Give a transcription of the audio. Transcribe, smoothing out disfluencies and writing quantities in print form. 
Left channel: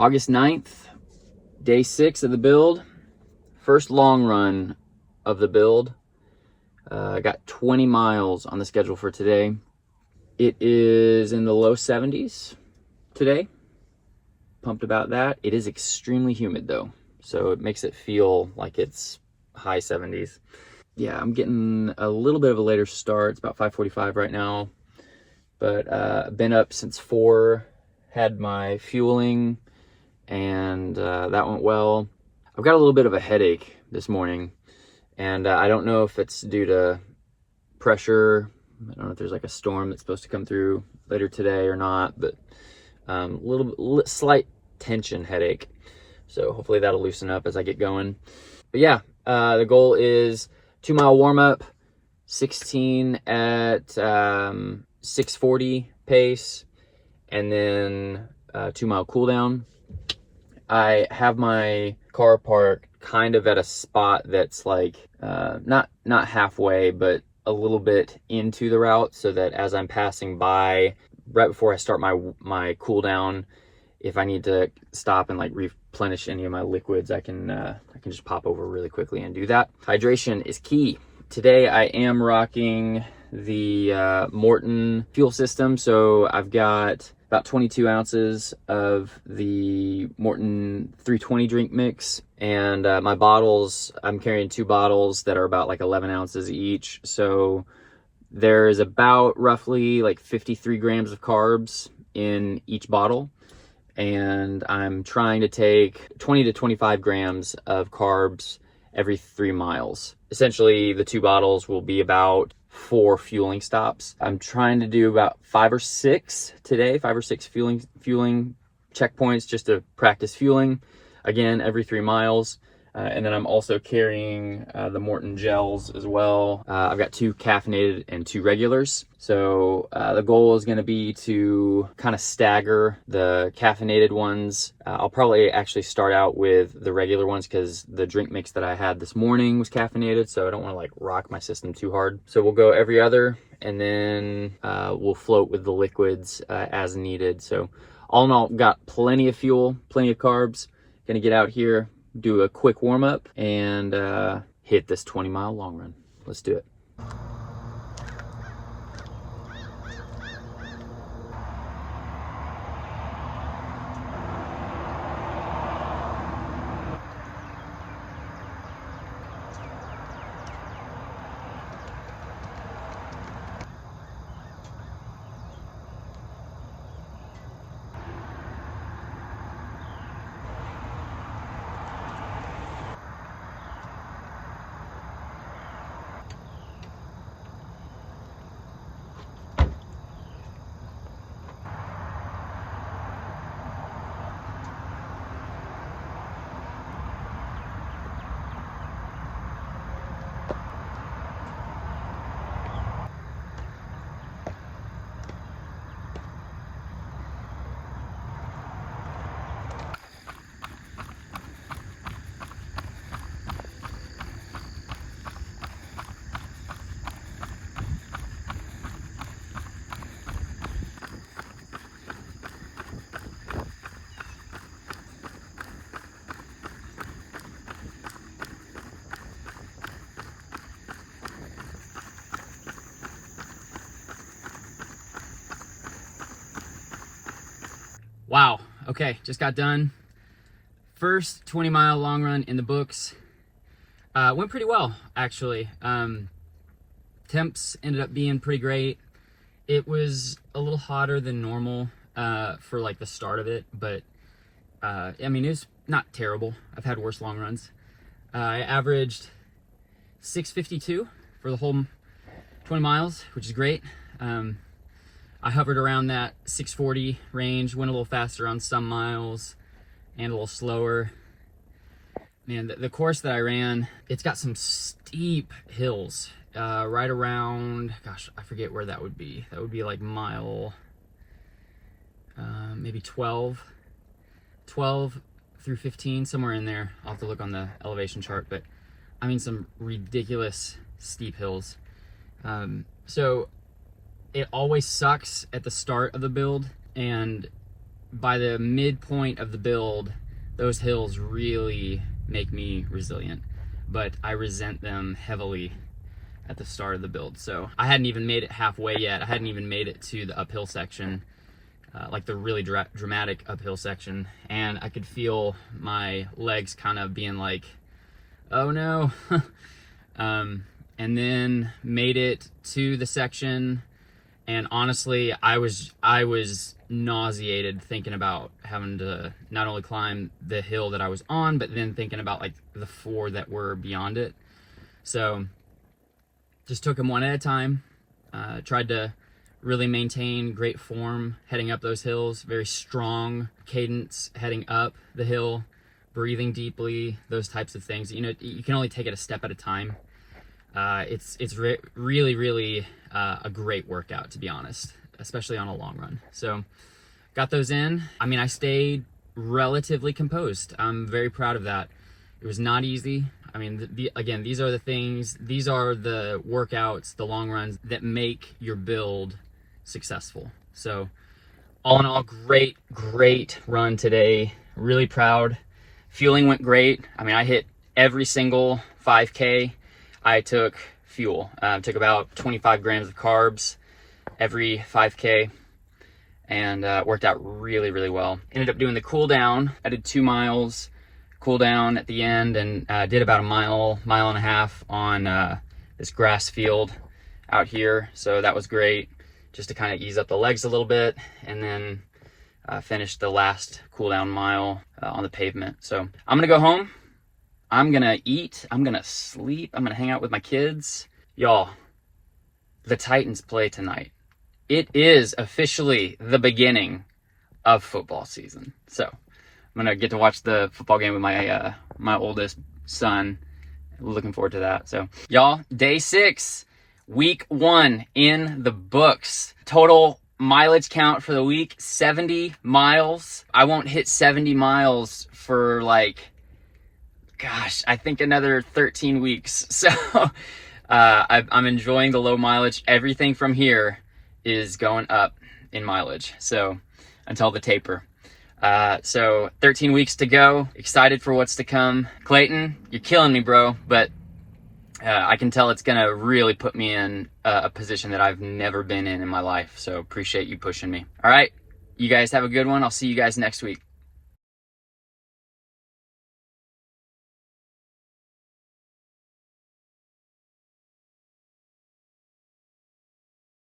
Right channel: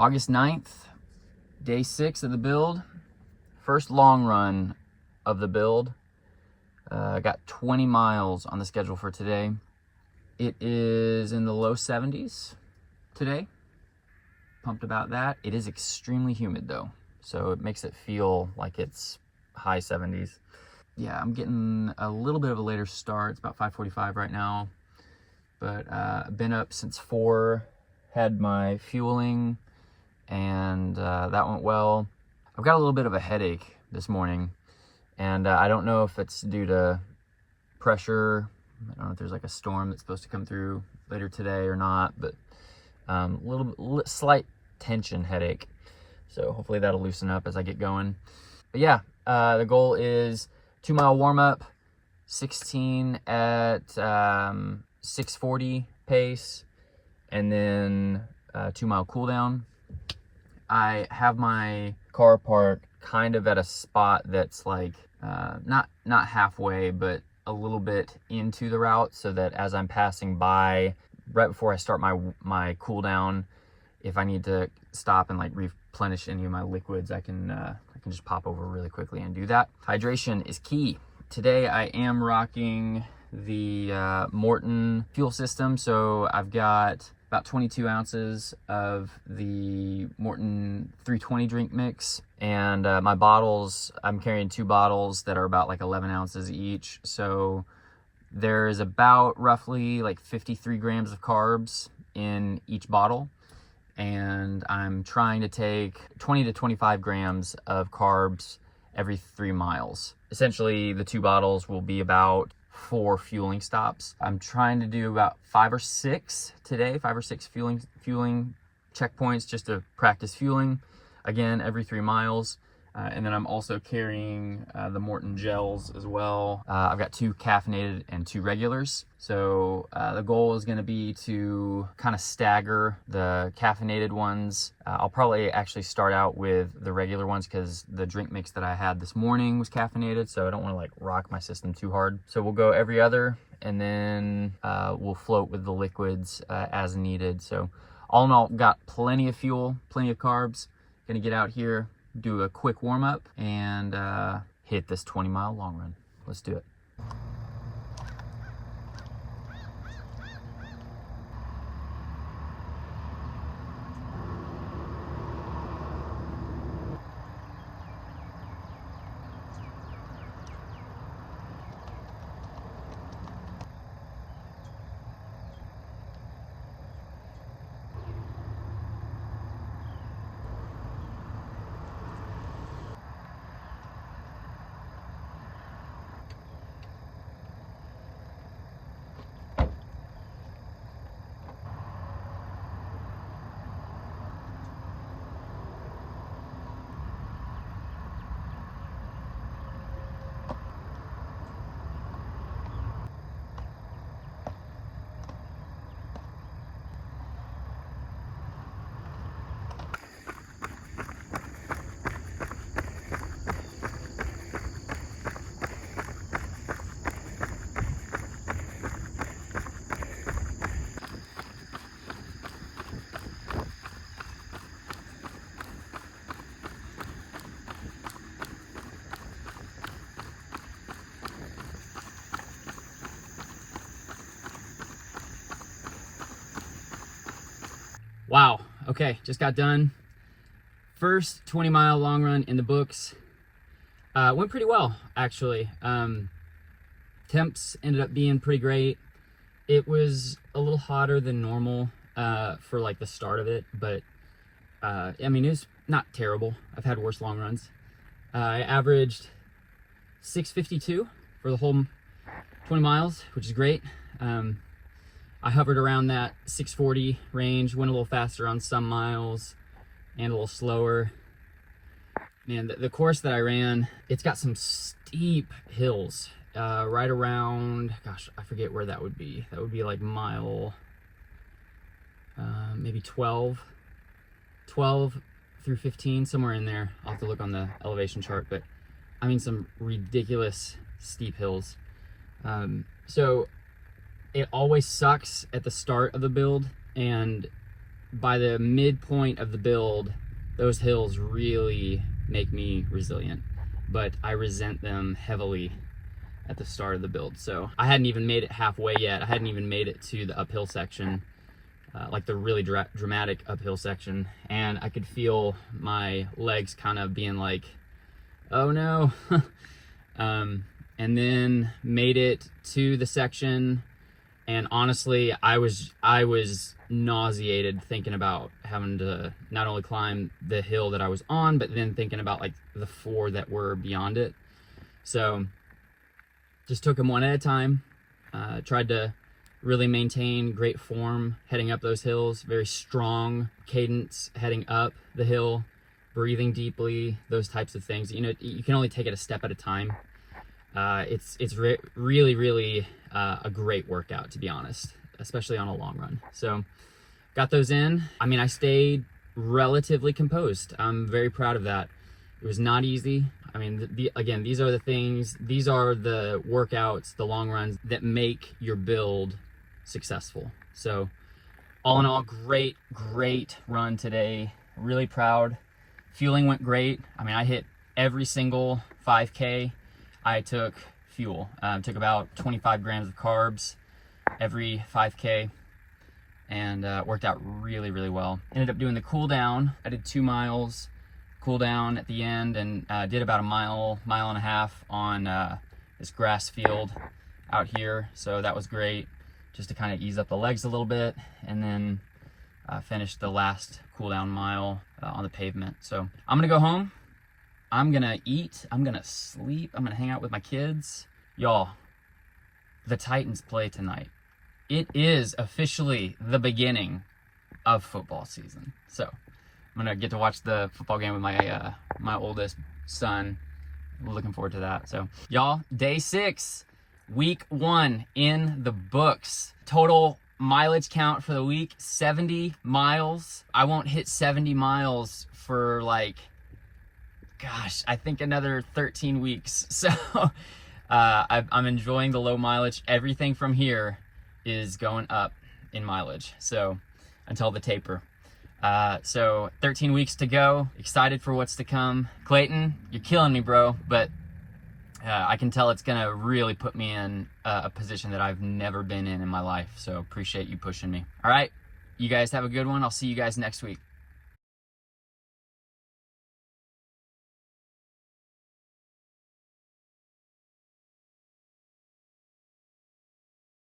August 9th, day 6 of the build. First long run of the build. I got 20 miles on the schedule for today. It is in the low 70s today. Pumped about that. It is extremely humid though, so it makes it feel like it's high 70s. Yeah, I'm getting a little bit of a later start. It's about 5:45 right now, but I've been up since 4, had my fueling, and that went well. I've got a little bit of a headache this morning, and I don't know if it's due to pressure. I don't know if there's like a storm that's supposed to come through later today or not, but slight tension headache. So hopefully that'll loosen up as I get going. But yeah, the goal is 2-mile warm up, 16 at 6:40 pace, and then 2-mile cool down. I have my car parked kind of at a spot that's like not halfway, but a little bit into the route, so that as I'm passing by, right before I start my cool down, if I need to stop and like replenish any of my liquids, I can just pop over really quickly and do that. Hydration is key. Today I am rocking the Morton fuel system, so I've got about 22 ounces of the Morton 320 drink mix, and my bottles, I'm carrying 2 bottles that are about like 11 ounces each, so there's about roughly like 53 grams of carbs in each bottle, and I'm trying to take 20 to 25 grams of carbs every 3 miles. Essentially, the 2 bottles will be about 4 fueling stops. I'm trying to do about 5 or 6 today, 5 or 6 fueling checkpoints just to practice fueling, again, every 3 miles. And then I'm also carrying the Morton gels as well. I've got 2 caffeinated and 2 regulars. So the goal is gonna be to kind of stagger the caffeinated ones. I'll probably actually start out with the regular ones because the drink mix that I had this morning was caffeinated, so I don't wanna like rock my system too hard. So we'll go every other, and then we'll float with the liquids as needed. So all in all, got plenty of fuel, plenty of carbs. Gonna get out here, do a quick warm-up, and hit this 20-mile long run. Let's do it. Wow, okay, just got done. First 20-mile long run in the books. Went pretty well, actually. Temps ended up being pretty great. It was a little hotter than normal for like the start of it, but I mean, it was not terrible. I've had worse long runs. I averaged 6:52 for the whole 20 miles, which is great. I hovered around that 6:40 range, went a little faster on some miles and a little slower. Man, the course that I ran, it's got some steep hills right around, gosh, I forget where that would be. That would be like mile, maybe 12 through 15, somewhere in there. I'll have to look on the elevation chart, but I mean, some ridiculous steep hills. So it always sucks at the start of the build, and by the midpoint of the build, those hills really make me resilient, but I resent them heavily at the start of the build. So I hadn't even made it halfway yet. I hadn't even made it to the uphill section, like the really dramatic uphill section, and I could feel my legs kind of being like, oh no. And then made it to the section, and honestly, I was nauseated thinking about having to not only climb the hill that I was on, but then thinking about like the 4 that were beyond it. So just took them one at a time. Tried to really maintain great form heading up those hills, very strong cadence heading up the hill, breathing deeply, those types of things. You know, you can only take it a step at a time. It's really a great workout, to be honest, especially on a long run. So got those in. I mean, I stayed relatively composed. I'm very proud of that. It was not easy. I mean, again, these are the things, these are the workouts, the long runs that make your build successful. So all in all, great run today. Really proud. Fueling went great. I mean, I hit every single 5K. I took fuel. Took about 25 grams of carbs every 5K, and worked out really well. Ended up doing the cool down. I did 2 miles cool down at the end, and did about a mile and a half on this grass field out here. So that was great, just to kind of ease up the legs a little bit, and then finished the last cool down mile on the pavement. So I'm gonna go home. I'm gonna eat, I'm gonna sleep, I'm gonna hang out with my kids. Y'all, the Titans play tonight. It is officially the beginning of football season. So I'm gonna get to watch the football game with my my oldest son. Looking forward to that. So y'all, day 6, week 1 in the books. Total mileage count for the week, 70 miles. I won't hit 70 miles for like, gosh, I think another 13 weeks. So I'm enjoying the low mileage. Everything from here is going up in mileage, so until the taper. So 13 weeks to go. Excited for what's to come. Clayton, you're killing me, bro, but I can tell it's gonna really put me in a position that I've never been in my life. So appreciate you pushing me. All right, you guys have a good one. I'll see you guys next week.